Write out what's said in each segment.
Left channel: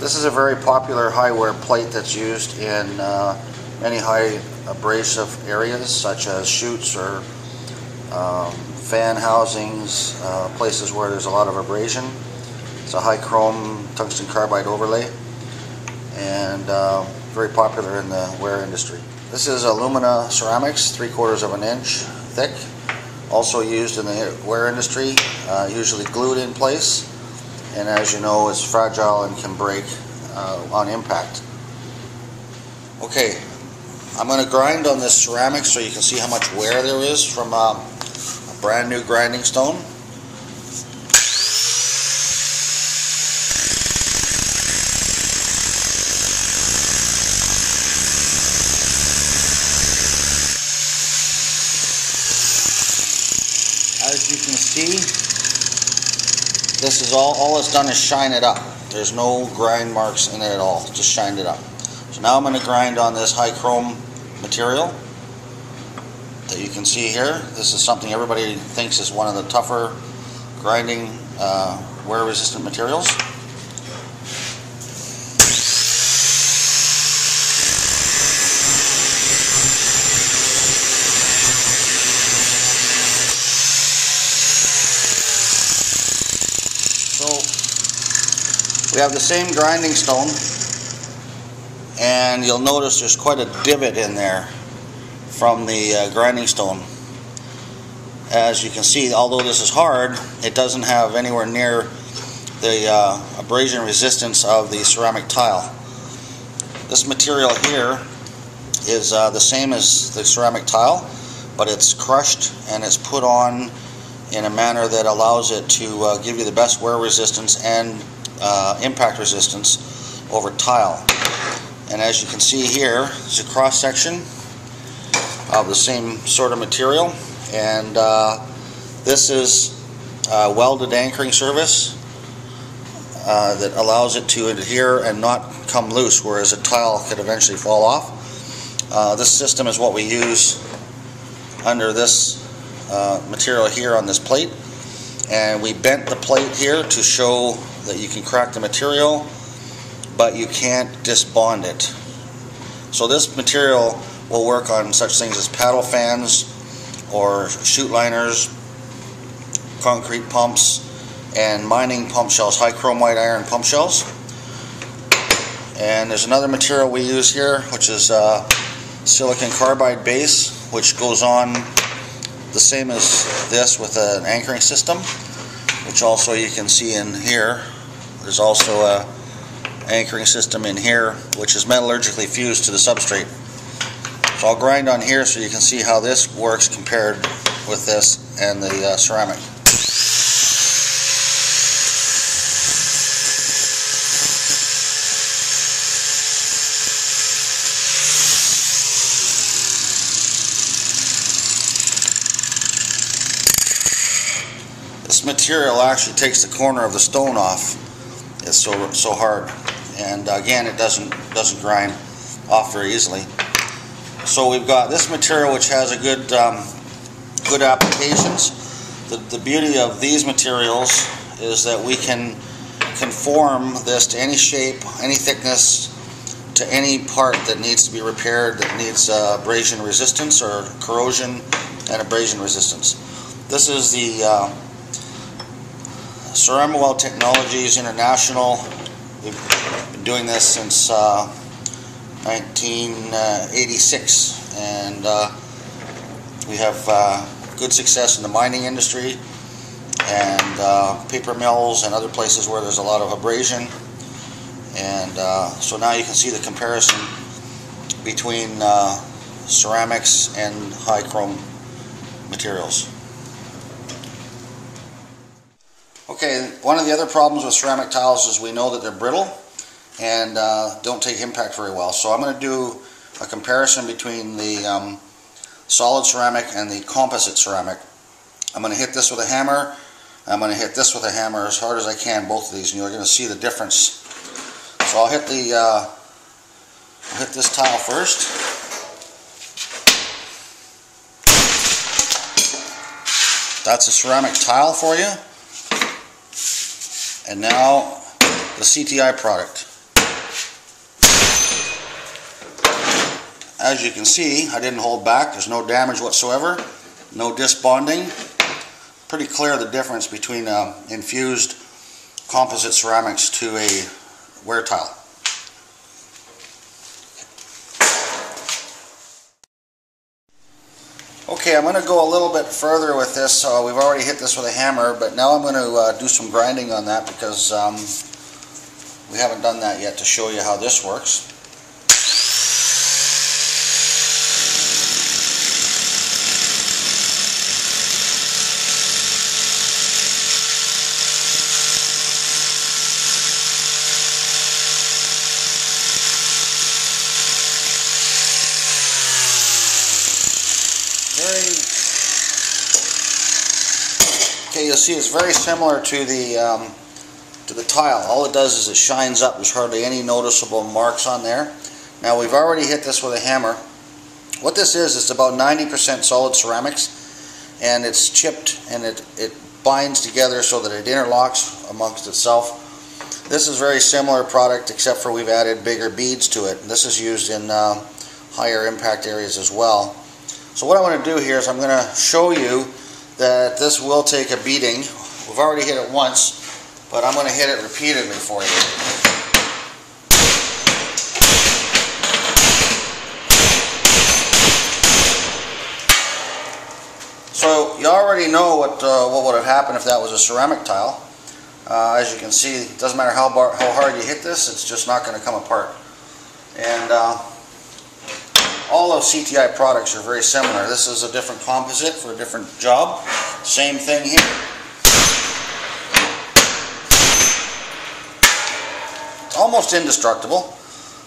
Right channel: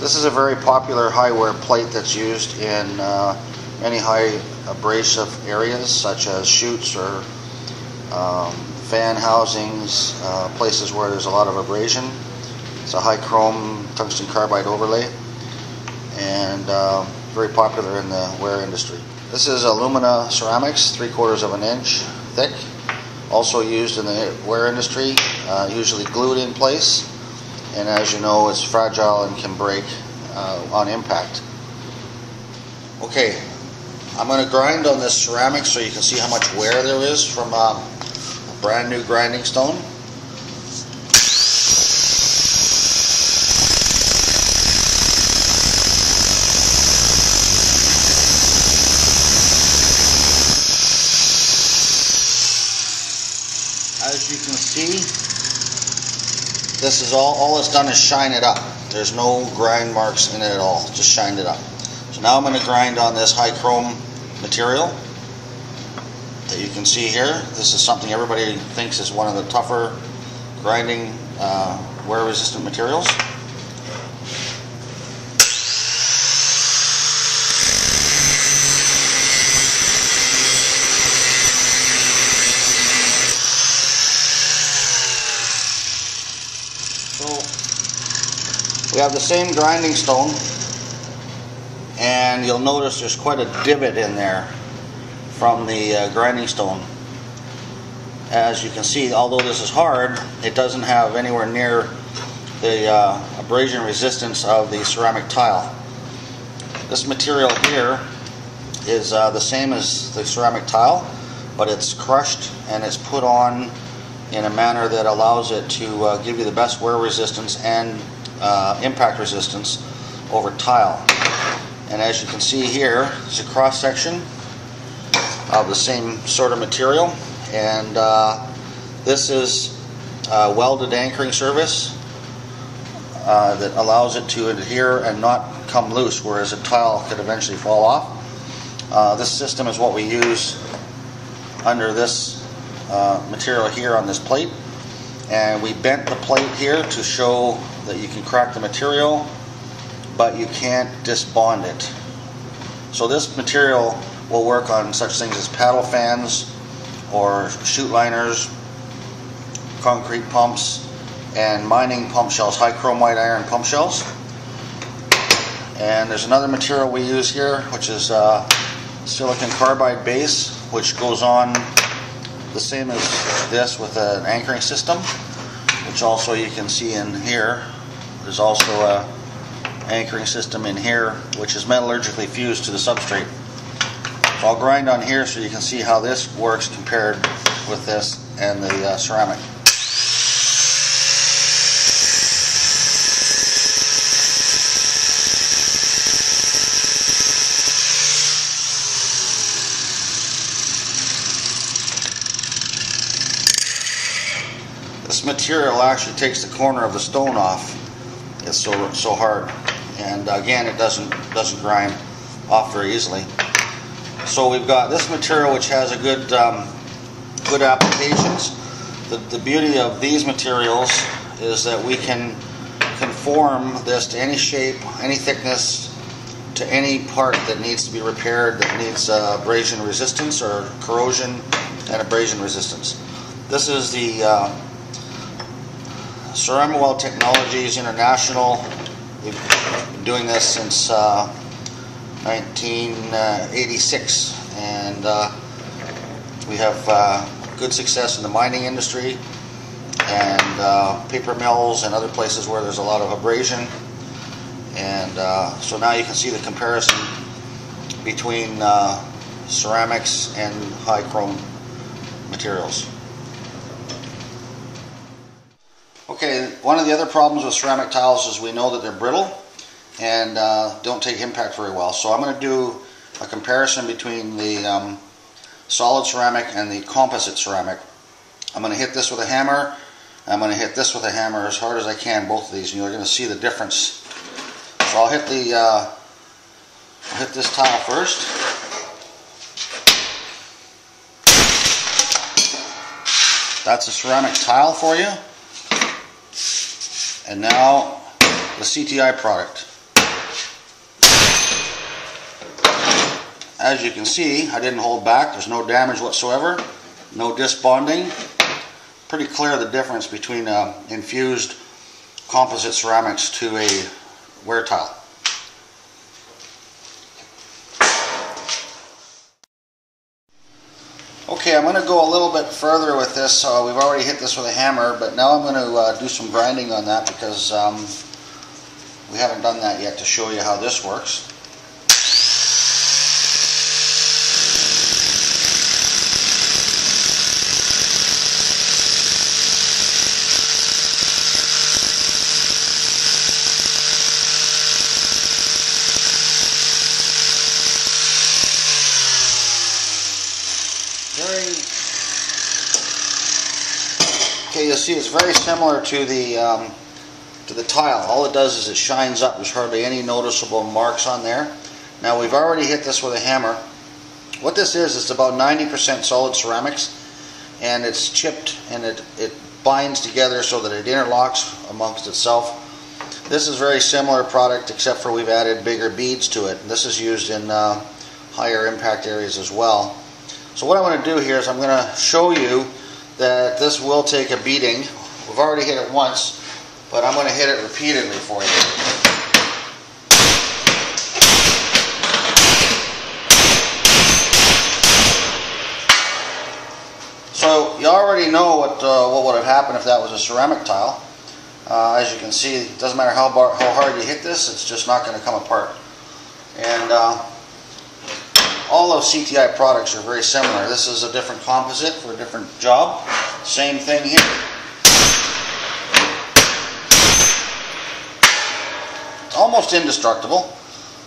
This is a very popular high wear plate that's used in many high abrasive areas such as chutes or fan housings, places where there's a lot of abrasion. It's a high chrome tungsten carbide overlay and very popular in the wear industry. This is Alumina Ceramics, 3/4 of an inch thick, also used in the wear industry, usually glued in place, and as you know, it's fragile and can break on impact. Okay, I'm going to grind on this ceramic so you can see how much wear there is from a brand new grinding stone. As you can see, this is all it's done is shine it up. There's no grind marks in it at all, just shined it up. So now I'm going to grind on this high chrome material that you can see here. This is something everybody thinks is one of the tougher grinding wear resistant materials. So we have the same grinding stone, and you'll notice there's quite a divot in there from the grinding stone. As you can see, although this is hard, it doesn't have anywhere near the abrasion resistance of the ceramic tile. This material here is the same as the ceramic tile, but it's crushed and it's put on in a manner that allows it to give you the best wear resistance and impact resistance over tile. And as you can see here, it's a cross section of the same sort of material, and this is a welded anchoring surface that allows it to adhere and not come loose, whereas a tile could eventually fall off. This system is what we use under this material here on this plate, and we bent the plate here to show that you can crack the material, but you can't disbond it. So this material will work on such things as paddle fans or chute liners, concrete pumps, and mining pump shells, high chrome white iron pump shells. And there's another material we use here, which is silicon carbide base, which goes on the same as this with an anchoring system, which also you can see in here. There's also a anchoring system in here, which is metallurgically fused to the substrate. So I'll grind on here so you can see how this works compared with this and the ceramic. This material actually takes the corner of the stone off. It's so hard, and again, it doesn't grind off very easily. So we've got this material which has a good applications. The beauty of these materials is that we can conform this to any shape, any thickness, to any part that needs to be repaired, that needs abrasion resistance or corrosion and abrasion resistance. This is the Ceramiweld Technologies International. We've been doing this since 1986, and we have good success in the mining industry and paper mills and other places where there's a lot of abrasion. And so now you can see the comparison between ceramics and high chrome materials. Okay, one of the other problems with ceramic tiles is we know that they're brittle and don't take impact very well. So I'm going to do a comparison between the solid ceramic and the composite ceramic. I'm going to hit this with a hammer. I'm going to hit this with a hammer as hard as I can, both of these, and you're going to see the difference. So I'll hit this tile first. That's a ceramic tile for you. And now the C.T.I product. as you can see, I didn't hold back. There's no damage whatsoever, no disc bonding. Pretty clear the difference between infused composite ceramics to a wear tile. Okay, I'm going to go a little bit further with this. We've already hit this with a hammer, but now I'm going to do some grinding on that because we haven't done that yet to show you how this works. Okay, you'll see it's very similar to the tile. All it does is it shines up. There's hardly any noticeable marks on there. Now we've already hit this with a hammer. What this is, it's about 90% solid ceramics, and it's chipped and it binds together so that it interlocks amongst itself. This is a very similar product, except for we've added bigger beads to it. This is used in higher impact areas as well. So what I want to do here is I'm going to show you that this will take a beating. We've already hit it once, but I'm going to hit it repeatedly for you. So you already know what would have happened if that was a ceramic tile. As you can see, it doesn't matter how hard you hit this, it's just not going to come apart. And all of C.T.I products are very similar. This is a different composite for a different job. Same thing here. Almost indestructible.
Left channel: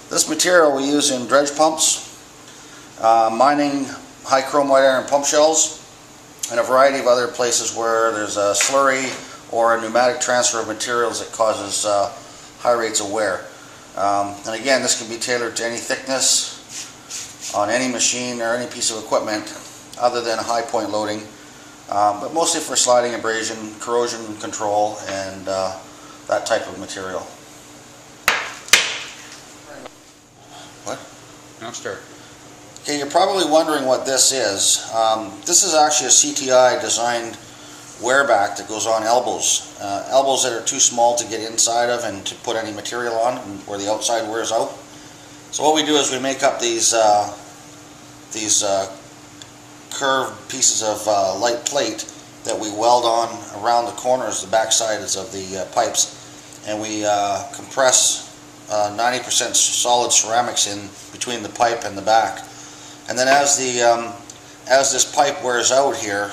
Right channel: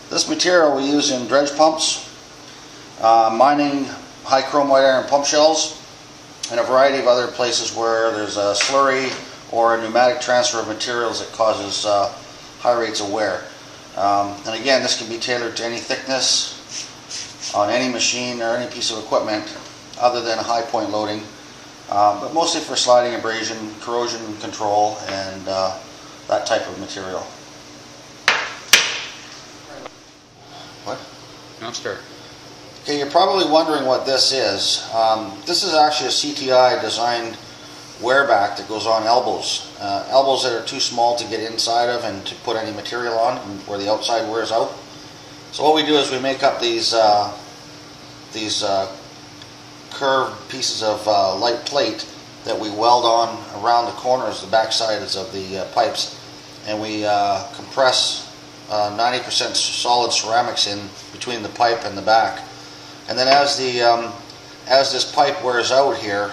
This material we use in dredge pumps, mining high chrome white iron pump shells, and a variety of other places where there's a slurry or a pneumatic transfer of materials that causes high rates of wear. And again, this can be tailored to any thickness on any machine or any piece of equipment other than a high point loading, but mostly for sliding, abrasion, corrosion control, and that type of material. What? No, start. Okay, you're probably wondering what this is. This is actually a C.T.I designed wear back that goes on elbows. Elbows that are too small to get inside of and to put any material on, where the outside wears out. So what we do is we make up these curved pieces of light plate that we weld on around the corners, the back sides of the pipes, and we compress 90% solid ceramics in between the pipe and the back. And then as this pipe wears out here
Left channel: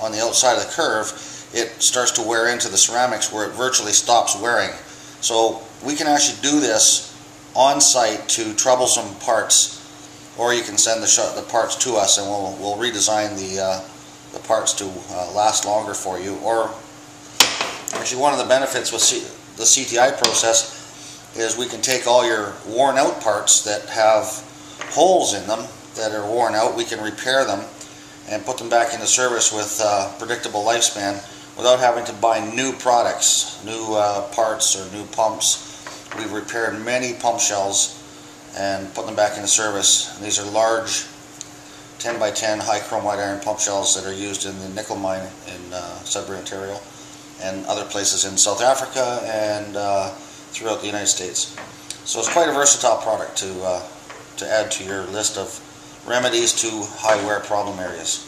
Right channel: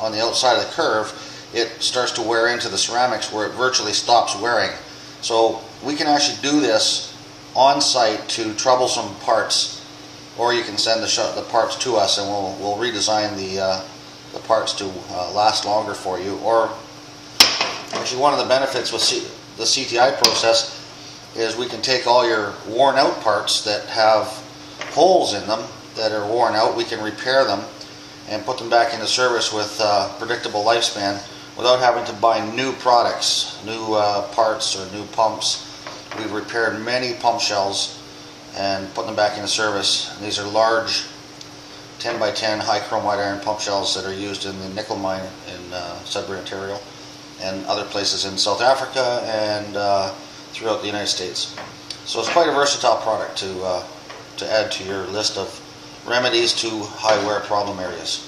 on the outside of the curve, it starts to wear into the ceramics where it virtually stops wearing. So we can actually do this on site to troublesome parts, or you can send the parts to us and we'll redesign the parts to last longer for you. Or actually, one of the benefits with the C.T.I process is we can take all your worn out parts that have holes in them that are worn out, we can repair them and put them back into service with predictable lifespan without having to buy new products, new parts or new pumps. We've repaired many pump shells and put them back into service. And these are large 10 by 10 high chrome white iron pump shells that are used in the nickel mine in Sudbury, Ontario, and other places in South Africa and throughout the United States. So it's quite a versatile product to add to your list of remedies to high wear problem areas.